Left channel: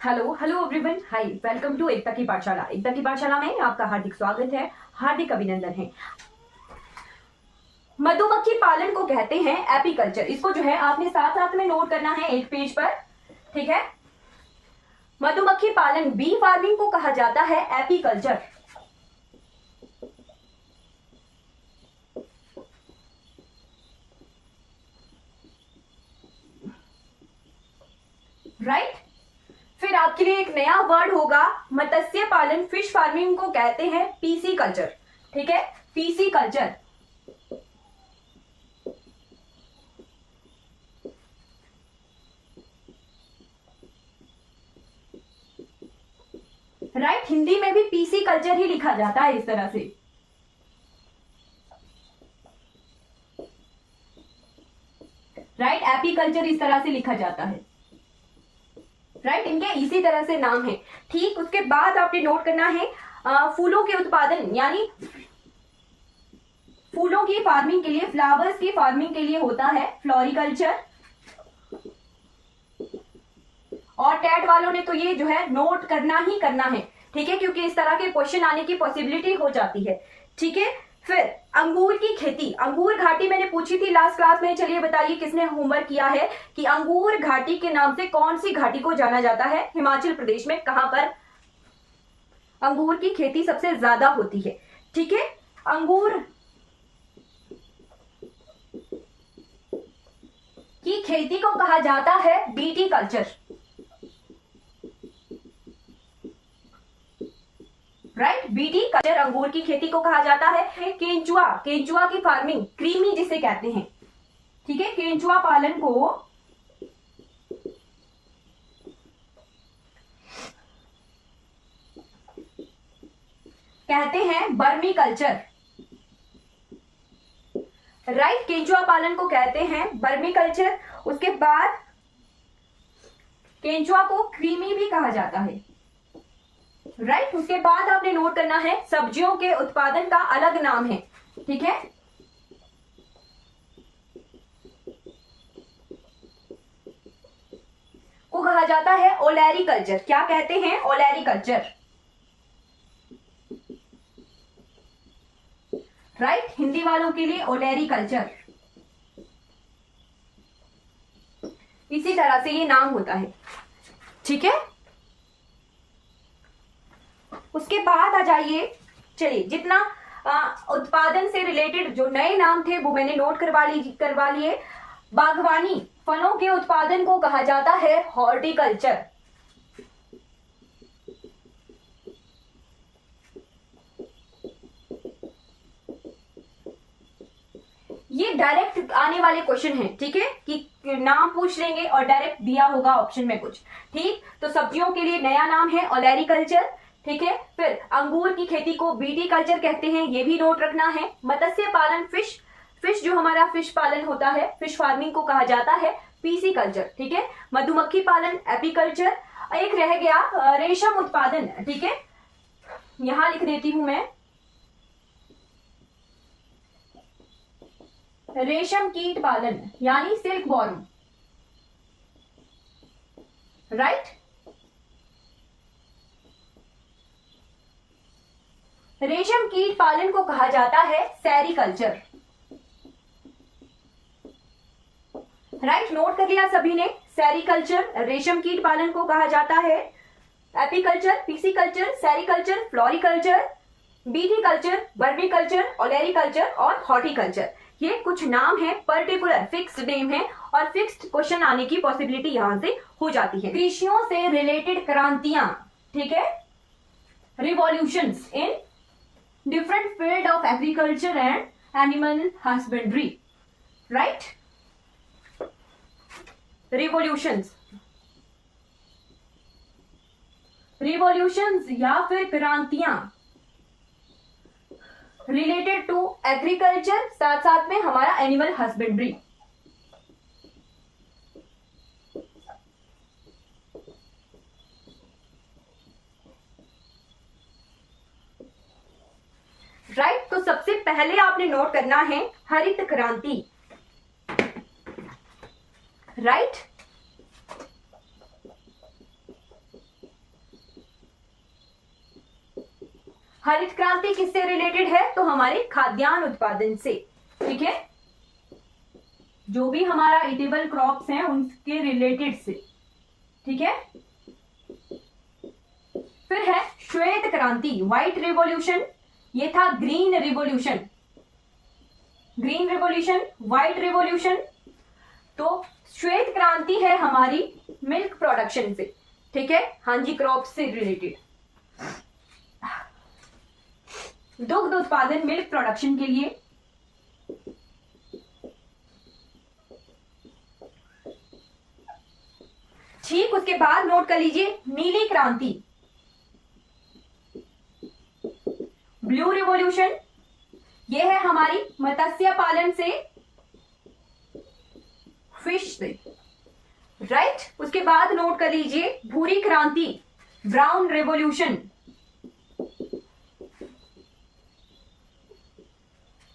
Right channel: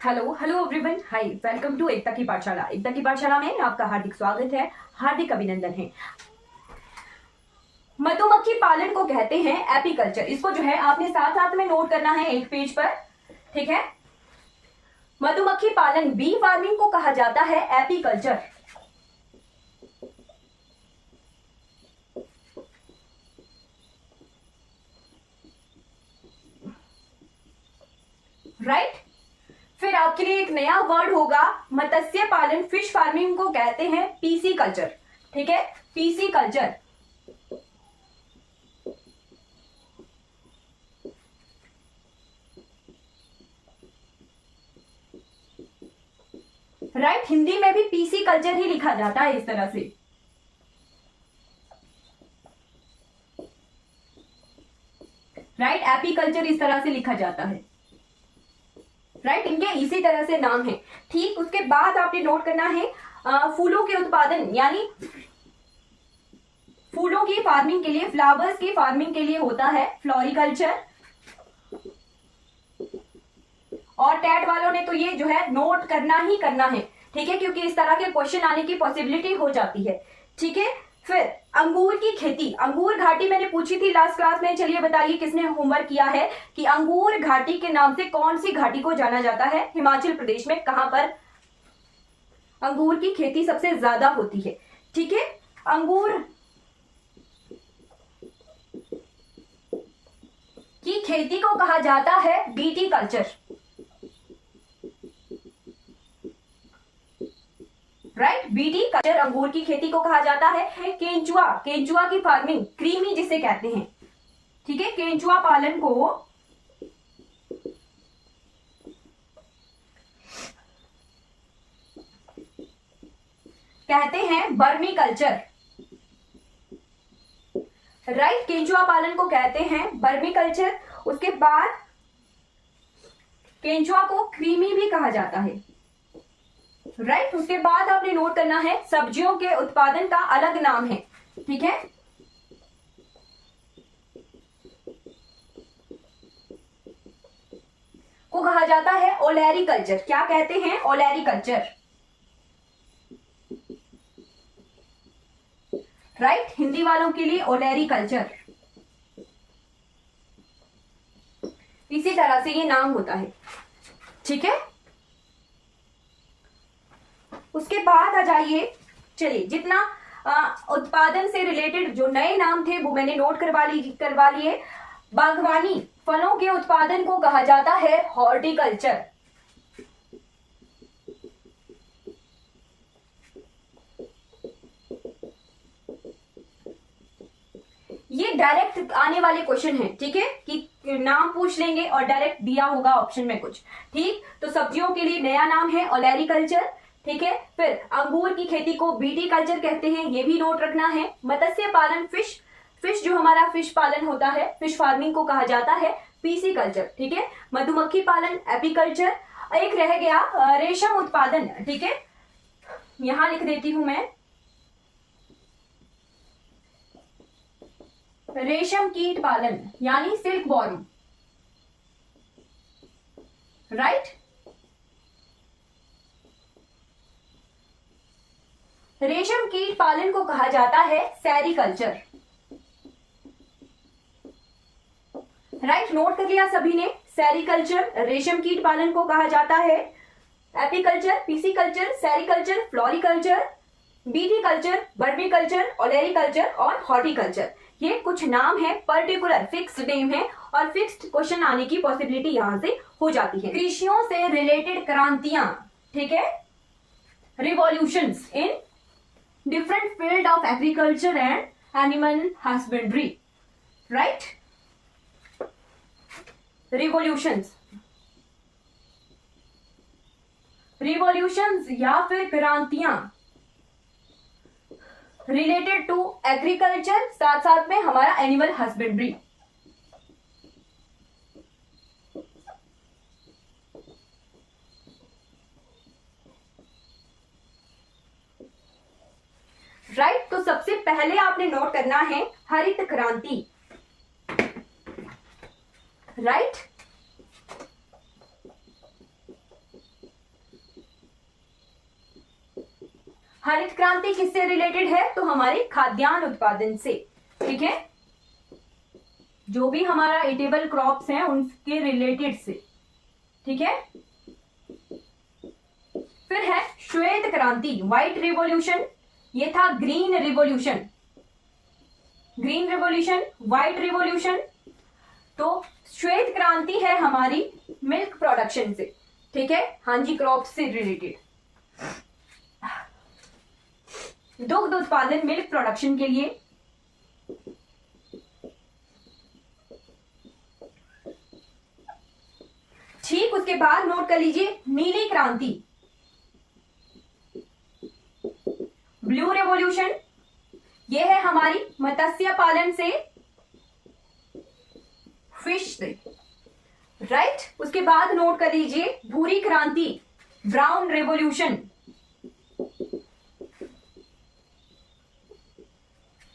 Hello hello everyone, hi, welcome to Ekta की पाठशाला। एकता की पाठशाला में आपका हार्दिक स्वागत है, हार्दिक अभिनंदन है। मधुमक्खी पालन को कहते हैं एपीकल्चर। इसको जो है आपने साथ साथ में नोट करना है एक पेज पर, ठीक है। मधुमक्खी पालन, बी फार्मिंग को कहा जाता है एपीकल्चर। राइट। फिर आपके लिए एक नया वर्ड होगा मत्स्य पालन, फिश फार्मिंग को कहते हैं पीसी कल्चर, ठीक है, पीसी कल्चर। राइट, हिंदी में भी पीसी कल्चर ही लिखा जाता है इस तरह से। राइट, एपीकल्चर इस तरह से लिखा जाता है। राइट, इनके इसी तरह से नाम है, ठीक। उसके बाद आपने नोट करना है फूलों के उत्पादन, यानी फूलों की फार्मिंग के लिए, फ्लावर्स की फार्मिंग के लिए होता है फ्लोरिकल्चर। और टैट वालों ने तो ये जो है नोट करना ही करना है, ठीक है, क्योंकि इस तरह के क्वेश्चन आने की पॉसिबिलिटी हो जाती है, ठीक है। फिर अंगूर की खेती, अंगूर घाटी मैंने पूछी थी लास्ट क्लास में। चलिए बताइए किसने होमवर्क किया है कि अंगूर घाटी के नाम से कौन सी घाटी को जाना जाता है हिमाचल प्रदेश में, कहां पर अंगूर की खेती सबसे ज्यादा होती है, ठीक है। अंगूर की खेती को कहा जाता है BT culture. Right, BT culture अंगूर की खेती को कहा जाता है। केंचुआ, केंचुआ की फार्मिंग, क्रीमी जिसे कहते हैं, ठीक है, केंचुआ पालन को कहते हैं बर्मी कल्चर। राइट, केंचुआ पालन को कहते हैं बर्मी कल्चर। उसके बाद केंचुआ को क्रीमी भी कहा जाता है। राइट, उसके बाद आपने नोट करना है सब्जियों के उत्पादन का अलग नाम है, ठीक है। को कहा जाता है ओलेरी कल्चर। क्या कहते हैं? ओलेरी कल्चर। राइट, हिंदी वालों के लिए ओलेरी कल्चर, इसी तरह से ये नाम होता है, ठीक है। उसके बाद आ जाइए, चलिए, जितना उत्पादन से रिलेटेड जो नए नाम थे वो मैंने नोट करवा लिए। बागवानी, फलों के उत्पादन को कहा जाता है हॉर्टिकल्चर। ये डायरेक्ट आने वाले क्वेश्चन है, ठीक है, कि नाम पूछ लेंगे और डायरेक्ट दिया होगा ऑप्शन में कुछ, ठीक। तो सब्जियों के लिए नया नाम है ओलेरी कल्चर, ठीक है। फिर अंगूर की खेती को बीटी कल्चर कहते हैं, ये भी नोट रखना है। मत्स्य पालन, फिश जो हमारा फिश पालन होता है, फिश फार्मिंग को कहा जाता है पीसी कल्चर, ठीक है। मधुमक्खी पालन एपीकल्चर। एक रह गया रेशम उत्पादन, ठीक है, यहां लिख देती हूं मैं, रेशम कीट पालन यानी सिल्क वॉर्म। राइट, रेशम कीट पालन को कहा जाता है सेरीकल्चर। राइट, नोट कर लिया सभी ने, सेरीकल्चर, रेशम कीट पालन को कहा जाता है apiculture, pisciculture, sericulture, floriculture, BT culture, बर्मी कल्चर, ओलेरी कल्चर और हॉर्टिकल्चर। ये कुछ नाम है, पर्टिकुलर फिक्स्ड नेम है और फिक्स्ड क्वेश्चन आने की पॉसिबिलिटी यहां से हो जाती है। कृषियों से रिलेटेड क्रांतियां, ठीक है, revolutions in different field of agriculture and animal husbandry. Right, revolutions या फिर क्रांतियां रिलेटेड टू एग्रीकल्चर, साथ साथ में हमारा एनिमल हस्बेंड्री। राइट, तो सबसे पहले आपने नोट करना है हरित क्रांति। राइट, हरित क्रांति किससे रिलेटेड है? तो हमारे खाद्यान्न उत्पादन से, ठीक है, जो भी हमारा ईटेबल क्रॉप्स हैं उनके रिलेटेड से, ठीक है। फिर है श्वेत क्रांति, व्हाइट रिवॉल्यूशन, ये था green revolution, green revolution, white revolution. तो श्वेत क्रांति है हमारी मिल्क प्रोडक्शन से, ठीक है, हाँ जी, क्रॉप से रिलेटेड, दुग्ध उत्पादन, मिल्क प्रोडक्शन के लिए। ठीक, उसके बाद नोट कर लीजिए नीली क्रांति, ब्लू रिवॉल्यूशन, ये है हमारी मत्स्य पालन से, फिश से, राइट। उसके बाद नोट कर लीजिए भूरी क्रांति, ब्राउन रिवॉल्यूशन,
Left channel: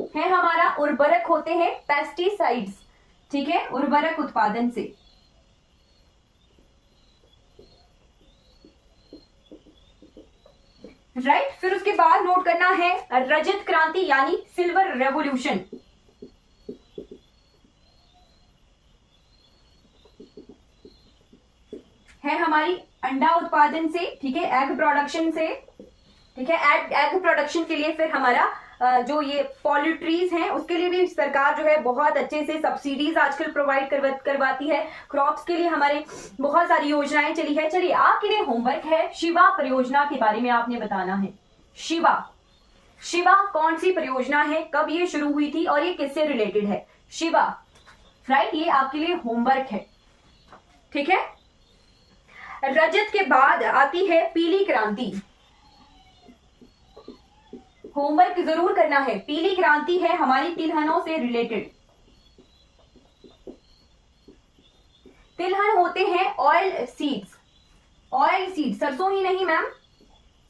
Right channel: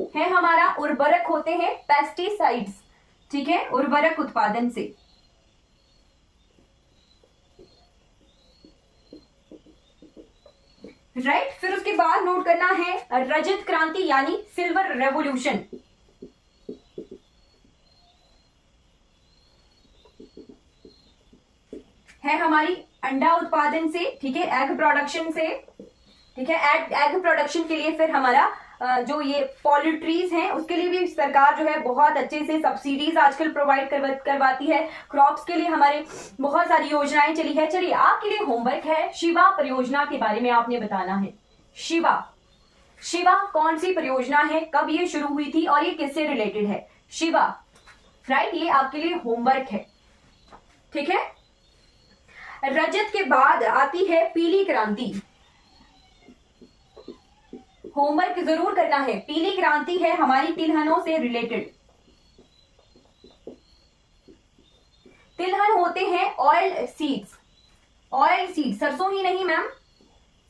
है हमारा उर्वरक होते हैं पेस्टिसाइड्स, ठीक है, उर्वरक उत्पादन से। राइट, फिर उसके बाद नोट करना है रजत क्रांति यानी सिल्वर रेवोल्यूशन, है हमारी अंडा उत्पादन से, ठीक है, एग प्रोडक्शन से, ठीक है, एग प्रोडक्शन के लिए फिर हमारा जो ये पोल्ट्रीज हैं उसके लिए भी सरकार जो है बहुत अच्छे से सब्सिडीज आजकल प्रोवाइड करवाती है। क्रॉप्स के लिए हमारे बहुत सारी योजनाएं चली है। चलिए, आपके लिए होमवर्क है, शिवा परियोजना के बारे में आपने बताना है। शिवा, शिवा कौन सी परियोजना है, कब ये शुरू हुई थी और ये किससे रिलेटेड है? शिवा, राइट, ये आपके लिए होमवर्क है, ठीक है। रजत के बाद आती है पीली क्रांति, होमवर्क जरूर करना है। पीली क्रांति है हमारी तिलहनों से रिलेटेड। तिलहन होते हैं ऑयल सीड्स, ऑयल सीड, सरसों ही नहीं मैम,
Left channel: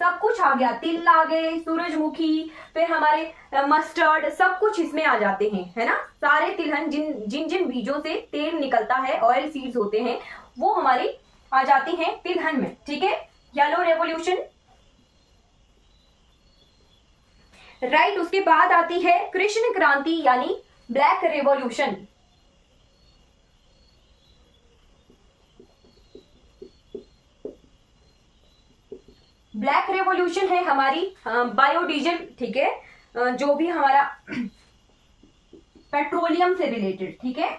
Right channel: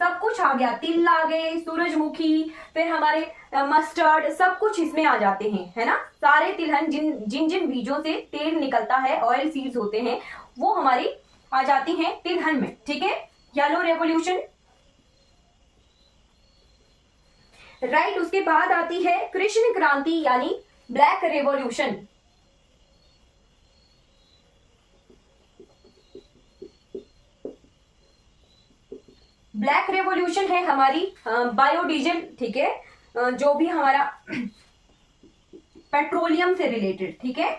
सब कुछ आ गया, तिल आ गए, सूरजमुखी, फिर हमारे मस्टर्ड, सब कुछ इसमें आ जाते हैं, है ना। सारे तिलहन जिन जिन बीजों से तेल निकलता है, ऑयल सीड्स होते हैं, वो हमारी आ जाती हैं तिलहन में, ठीक है। Yellow revolution, right. उसके बाद आती है कृष्ण क्रांति यानी ब्लैक रेवोल्यूशन, ब्लैक रेवोल्यूशन है हमारी बायोडीजल, ठीक है, जो भी हमारा पेट्रोलियम से रिलेटेड, ठीक है।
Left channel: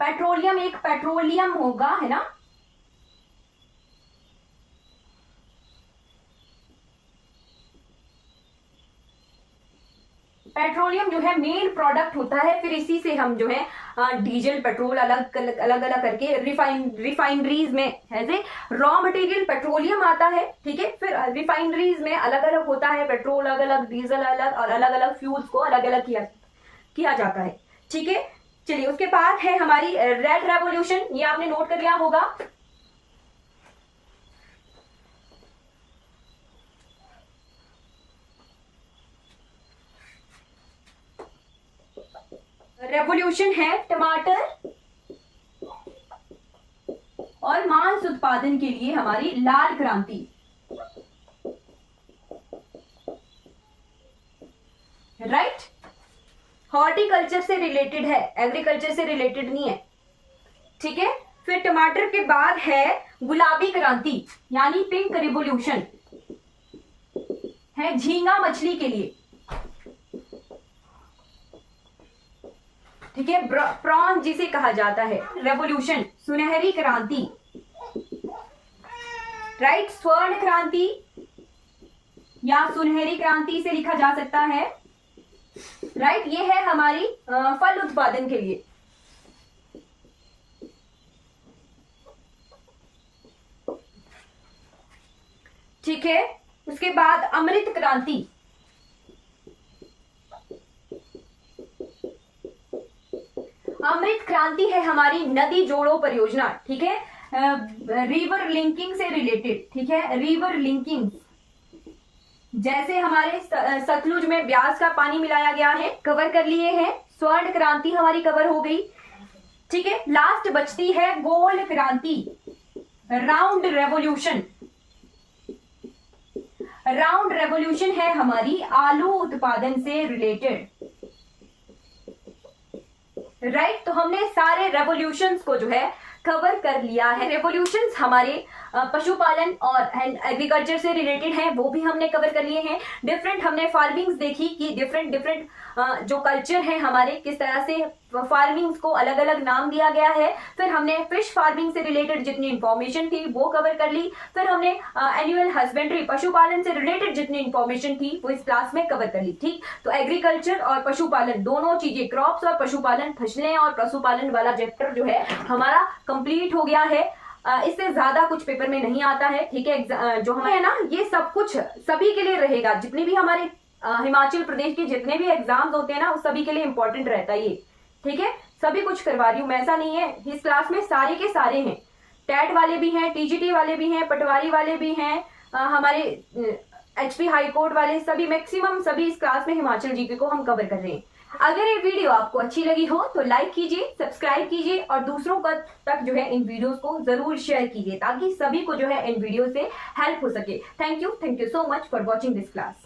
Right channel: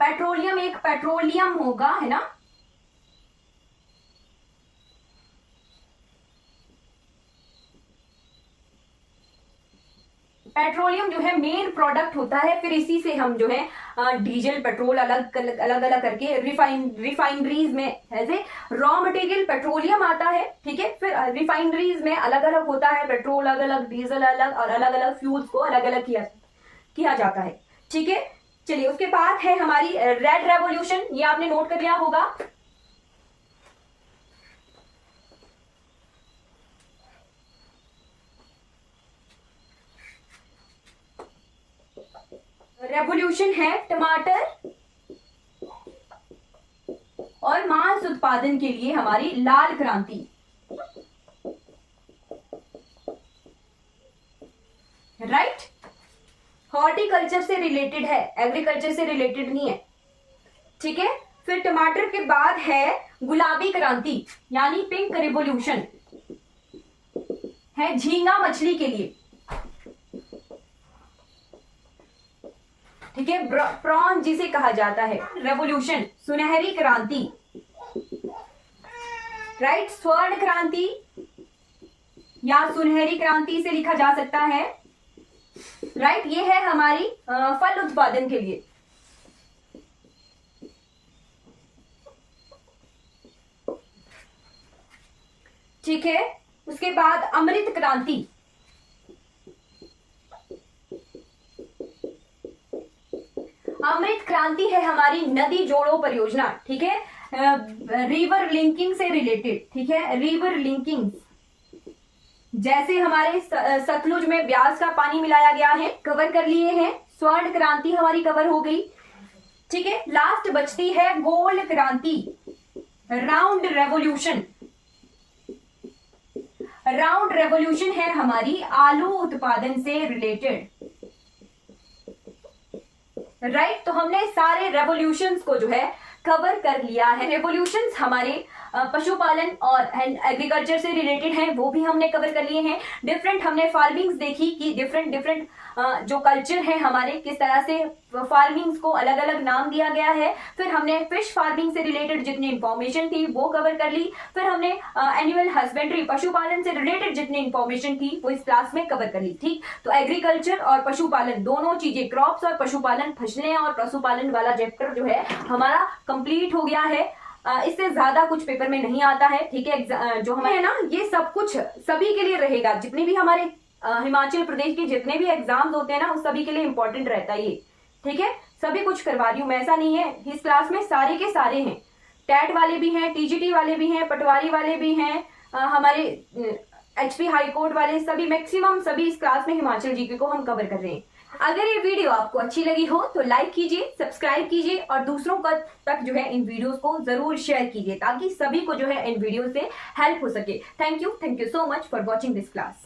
पेट्रोलियम, एक पेट्रोलियम होगा, है ना, पेट्रोलियम जो है मेन प्रोडक्ट होता है, फिर इसी से हम जो है डीजल, पेट्रोल अलग अलग करके रिफाइनरीज में ऐसे रॉ मटेरियल पेट्रोलियम आता है, ठीक है। फिर रिफाइनरीज में अलग अलग होता है, पेट्रोल अलग अलग, डीजल अलग, और अलग अलग फ्यूल्स को अलग अलग किया जाता है, ठीक है। चलिए, उसके बाद है हमारी रेड रेवोल्यूशन, ये आपने नोट कर लिया होगा। रेवोल्यूशन है टमाटर और मांस उत्पादन के लिए हमारी लाल क्रांति, राइट। हॉर्टिकल्चर से रिलेटेड है, एग्रीकल्चर से रिलेटेड नहीं है, ठीक है। फिर टमाटर के बाद है गुलाबी क्रांति यानी पिंक रिवोल्यूशन, है झींगा मछली के लिए, ठीक है, प्रॉन जिसे कहा जाता है। रेवोल्यूशन, सुनहरी क्रांति, राइट। स्वर्ण क्रांति या सुनहरी क्रांति से लिखा जा सकता है, राइट। ये है हमारी फल उत्पादन के लिए, ठीक है। उसके बाद अमृत क्रांति, अमृत क्रांति है हमारी नदी जोड़ो परियोजना, ठीक है, रिवर लिंकिंग से रिलेटेड, ठीक है, रिवर लिंकिंग, जैसे हमारे सतलुज में ब्यास का पानी मिलाया गया है, कवर कर लिए हैं। स्वर्ण क्रांति हमारी कवर हो गई, ठीक है। लास्ट बचती है गोल्ड क्रांति, राउंड रेवोल्यूशन। राउंड रेवोल्यूशन है हमारी आलू उत्पादन से रिलेटेड, राइट। तो हमने सारे रेवोल्यूशंस को जो है कवर कर लिया है। रेवोल्यूशंस हमारे पशुपालन और एग्रीकल्चर से रिलेटेड हैं, वो भी हमने कवर कर लिए हैं। डिफरेंट हमने फार्मिंग्स देखी कि डिफरेंट जो कल्चर है हमारे, किस तरह से फार्मिंग्स को अलग अलग नाम दिया गया है। फिर हमने फिश फार्मिंग से रिलेटेड जितनी इंफॉर्मेशन थी वो कवर कर ली। फिर हमने एनिमल हस्बेंड्री, पशुपालन से रिलेटेड जितनी इंफॉर्मेशन थी वो इस क्लास में कवर कर ली, ठीक। तो एग्रीकल्चर और पशुपालन दोनों चीजें, क्रॉप्स और पशुपालन, फसलें और पशुपालन वाला चैप्टर जो है हमारा कंप्लीट हो गया है। इससे ज्यादा कुछ पेपर में नहीं आता है, ठीक है। जो हमारे ना ये सब कुछ सभी के लिए रहेगा, जितने भी हमारे हिमाचल प्रदेश के जितने भी एग्जाम्स होते हैं ना उस सभी के लिए इंपॉर्टेंट रहता है ये, ठीक है। सभी कुछ करवा रही हूँ मैं, ऐसा नहीं है। इस क्लास में सारे के सारे हैं, टैट वाले भी हैं, टीजीटी वाले भी हैं, पटवारी वाले भी हैं, हमारे एचपी हाईकोर्ट वाले, सभी मैक्सिमम सभी इस क्लास में हिमाचल जीके को हम कवर कर रहे हैं। अगर ये वीडियो आपको अच्छी लगी हो तो लाइक कीजिए, सब्सक्राइब कीजिए और दूसरों का तक जो है इन वीडियोस को जरूर शेयर कीजिए ताकि सभी को जो है इन वीडियो से हेल्प हो सके। Thank you so much for watching this class.